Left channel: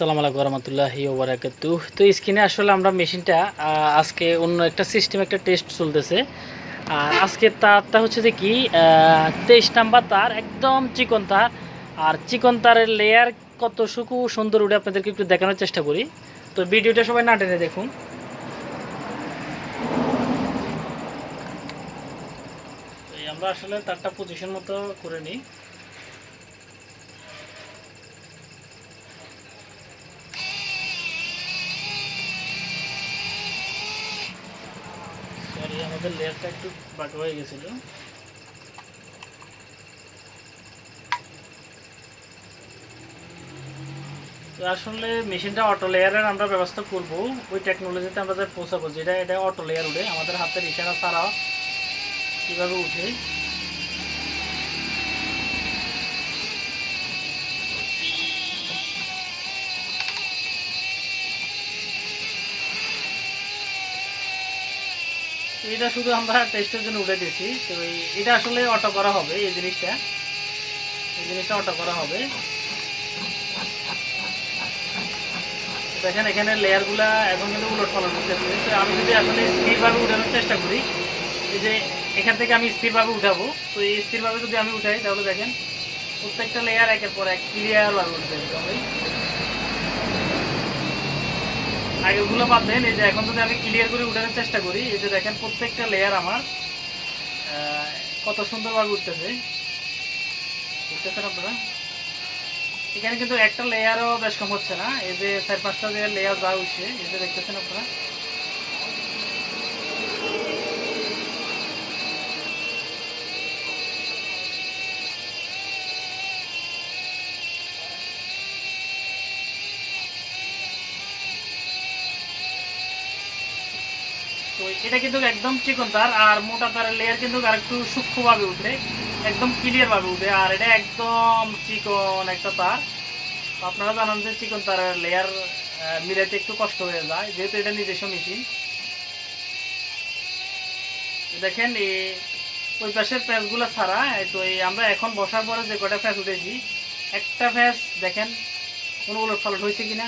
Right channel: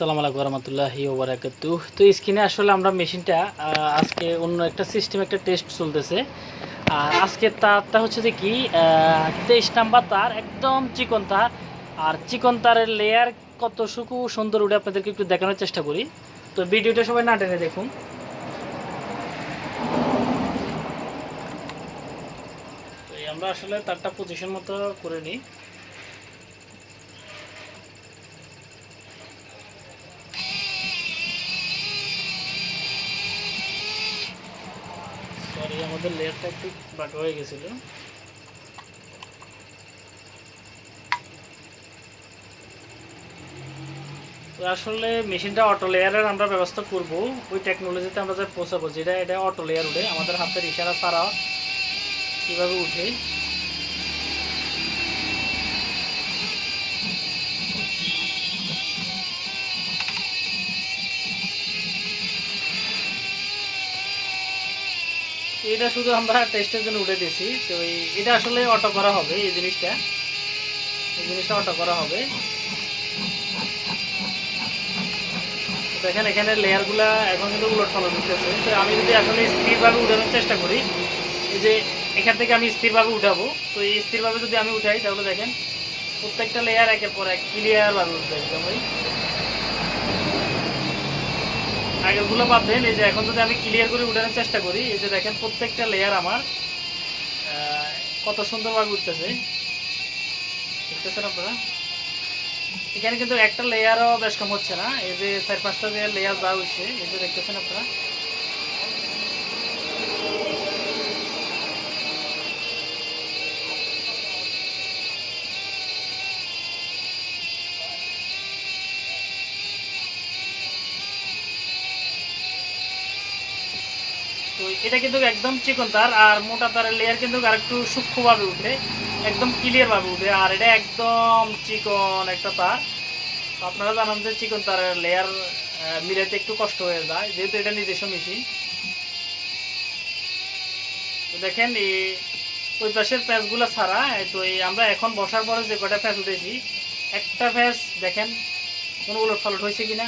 আসসালামু আলাইকুম রহমতুল্লাহি ওয়া বারাকাতুহু। তো স্ক্রিনে আসলে আমরা মেশিনটা আজকে অন্য একটা সিস্টেম একটা টেস্ট চলতেছে। আর আজকে তারটা হচ্ছে যে কি 23 নাম্বার তার, একদম চিকন তার। আর চিকন তারের লেয়ার কত সুন্দর উঠে আপনাদেরকে একটু দেখানোর চেষ্টা করি। তো ভিডিওটা সবাই না টেনে দেখুন। আমরা আসলে তারটা পজিশন মতো করে নিই। সরি, আমাদের লেয়ারটা একটু বাঁকা হয়ে গেছিল। তো আসলে মেশিনটা অটো লেয়ারের আমরা ব্যবস্থা করব, ওই টেকনোলজিতে আমরা যে পৌঁছাবো, যেটা এটা অটো লেয়ার উঠে আমাদের হাতের ইশারা ছাড়া কীভাবে উঠে। এটা শুধু আমরা টেস্টের জন্য উঠে দিয়েছি। তো এটা আসলে অটো করা হবে, এই জিনিসটা অটো করা হবে। দেখেন এখানে লেয়ারগুলা এখন কিন্তু উলট পালট উঠতেছে। তো আমি যদি আসলে স্থিরভাবে উঠানোর চেষ্টা করি, এই যে এখান থেকে আমি স্থিরভাবে উঠাবো, তো এই স্থিরভাবে যদি আমি উঠাই তাহলে দেখেন প্রত্যেকটা লেয়ার একের পর এক ক্লিয়ারভাবে উঠবে। একদম আগেরগুলো পাবেন। এই যে এখন যদি আমি ক্লিয়ার করে উঠানোর চেষ্টা করি, এই যে দেখেন প্রত্যেকটা লেয়ার আমার কত সুন্দরভাবে উঠতেছে, দেখতেছেন আপনারা। এখানে কিন্তু একটা লেয়ারও বেশ কম হচ্ছে না, এই যে 4-5টা লেয়ার যা হচ্ছে, এই যে দেখতেছেন আপনারা। তো এটা কিন্তু একদম চিকন তার, আর মোটা তারের লেয়ার কিন্তু আরেকটু সূক্ষ্মভাবে উঠে, একদম ক্লিয়ারভাবে উঠে। আর এটা একদম চিকন একটা তার। আপনারা জানেন যে চিকন তারের লেয়ার মিলাইতে একটু কষ্ট হয়ে যায়, যেহেতু এটা নিজস্ব মেশিন। দেখেন ওই পাশের প্যাঁচগুলো ছাড়া, তো আমরা এখন বসার পরে যে কটা প্যাঁচ উঠেছি, একটা প্যাঁচ দেখেন কোনো উলট ফালট হয়েছে কিনা।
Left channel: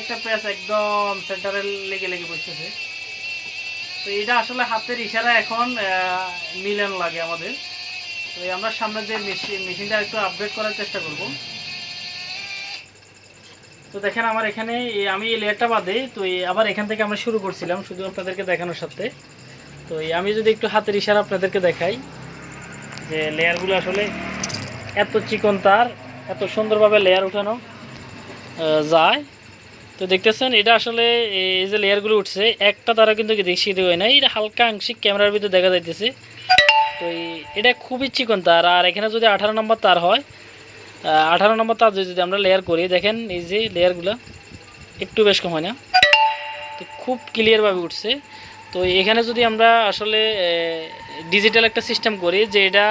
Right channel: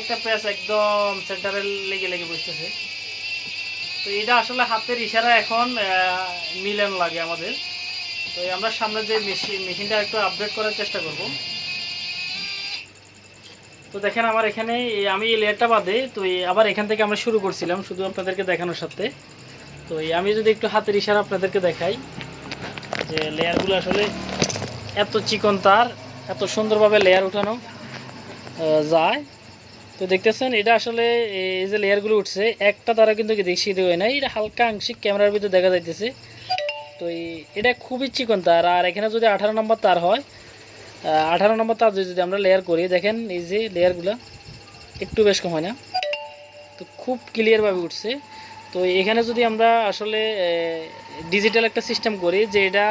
একটা প্যাঁচ একদম সেন্টারে লেগে লেগে বসতেছে। তো এটা আসলে হাতের ইশারা এখন মিলান লাগে আমাদের। তো আমরা সামনে যে মেশিনটা একটু আপডেট করার চেষ্টা করব। তো দেখেন আমার এখানে আমি এই লেয়ারটা বাদে, তো আবার এখান থেকে আমরা শুরু করছিলাম শুধু আপনাদেরকে দেখানোর সাথে। তো আমি যদি একটু হাতের ইশারা আপনাদেরকে দেখাই, যে লেয়ারগুলো আসলে এত চিকন তার, এত সুন্দরভাবে লেয়ার উঠানো যায়। তো দেখতেছেন এটা আসলে এই যে লেয়ারগুলো উঠছে, একটা তারা কিন্তু দেখছি হয় না, এটা হালকা আংশিক ক্যামেরার ভিতরে দেখা যাইতেছে। তো এটা খুবই চিকন তার। আর এখানে যদি 18 নম্বর তার হয়, 18 নম্বর তার যদি আমরা লেয়ার করি, দেখেন এই যে লেয়ারগুলো একটু বেশ কম হয় না, তো খুব ক্লিয়ারভাবে উঠছে। তো এখানে যদি আমরা আসলে ডিজিটাল একটা সিস্টেম করি, যে এটা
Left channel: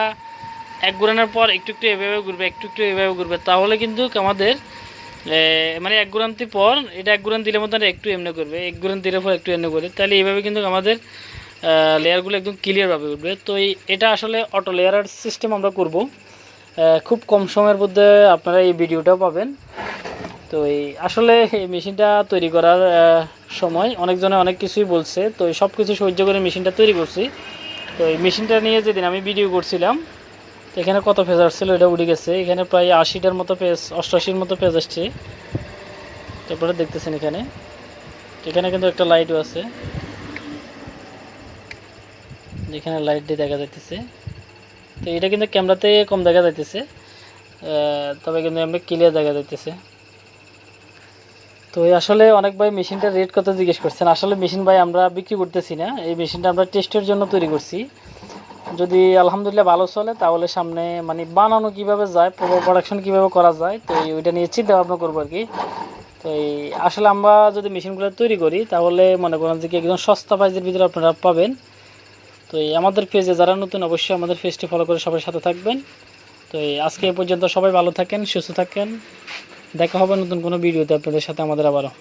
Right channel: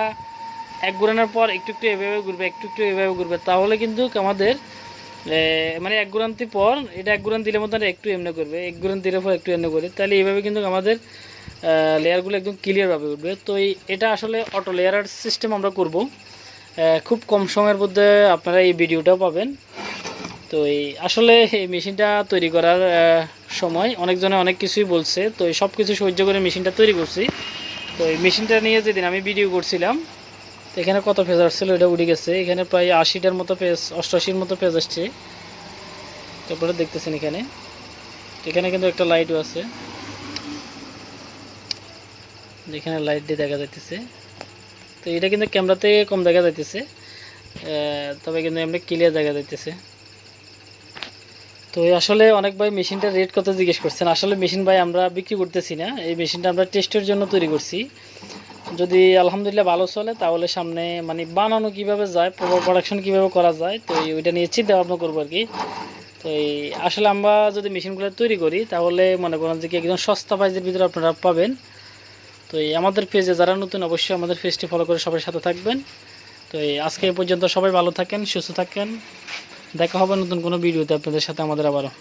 এক ঘোরানোর পর একটু একটু এভাবে ঘুরবে, একটু একটু এভাবে ঘুরবে, তাহলে কিন্তু আমাদের মানে এক ঘুরান্তির পর এটা এক ঘুরান দিলে মতো একটু এমনি করবে, এক ঘুরান দিলে পর একটু এমনি করবে, তাহলে এইভাবে কিন্তু আমাদের লেয়ারগুলো একদম ক্লিয়ারভাবে উঠবে। তো এটা আসলে অটো লেয়ার সিস্টেম আমরা করব, খুব কম সময়ের মধ্যে আপনারা এই ভিডিওটাও পাবেন। তো আসলে এই মেশিনটা তৈরি করার সময় অনেকজনে অনেক কিছুই বলছে, তো সব কিছু সহ্য করে মেশিনটা তৈরি করছি। তো এই মেশিনটা নিয়ে যেদিন আমি ভিডিও করছিলাম, এখানে কত পেজ আসছিল এটা উঠে গেছে, এখানে প্রায় 80টার মতো পেজ, 88-র মতো পেজ আসছে। তারপরে দেখতেছেন এখানে কিন্তু একটা লাইটও আছে, যেখানে লাইট দিয়ে দেখা যাইতেছে। তো এটা কিন্তু ক্যামেরাতে কম দেখা যাইতেছে, তবে কিন্তু এমনি ক্লিয়ার দেখা যাইতেছে। তো আসলে অনেক ভাই মেশিনটার রেট কত জিজ্ঞেস করছেন। আসলে মেশিন ভাই আমরা বিক্রি করতেছি না, এই মেশিনটা আমরা টেস্টের জন্য তৈরি করছি। যদি আলহামদুলিল্লাহ ভালো চলে, তাহলে সামনে মানে বানানো কিভাবে যায়, প্রোডাকশন কিভাবে করা যায়, তো ওইটা নিয়ে চিন্তা ভাবনা করবো আর কি। তো আসলে আমরা যদি মেশিনগুলো তৈরি করি, তাহলে মনে করেন যে কি একদম সস্তা প্রাইসের ভিতরে আপনারা পাবেন। তো আমাদের পেজে যারা নতুন, অবশ্যই আমাদের পেজটি ফলো করে সবার সাথে থাকবেন। তো আজকে এই পর্যন্ত, সবাই ভালো থাকেন, সুস্থ থাকেন, দেখা হবে নতুন কোনো ভিডিওতে আপনাদের সাথে আমাদের আবারও।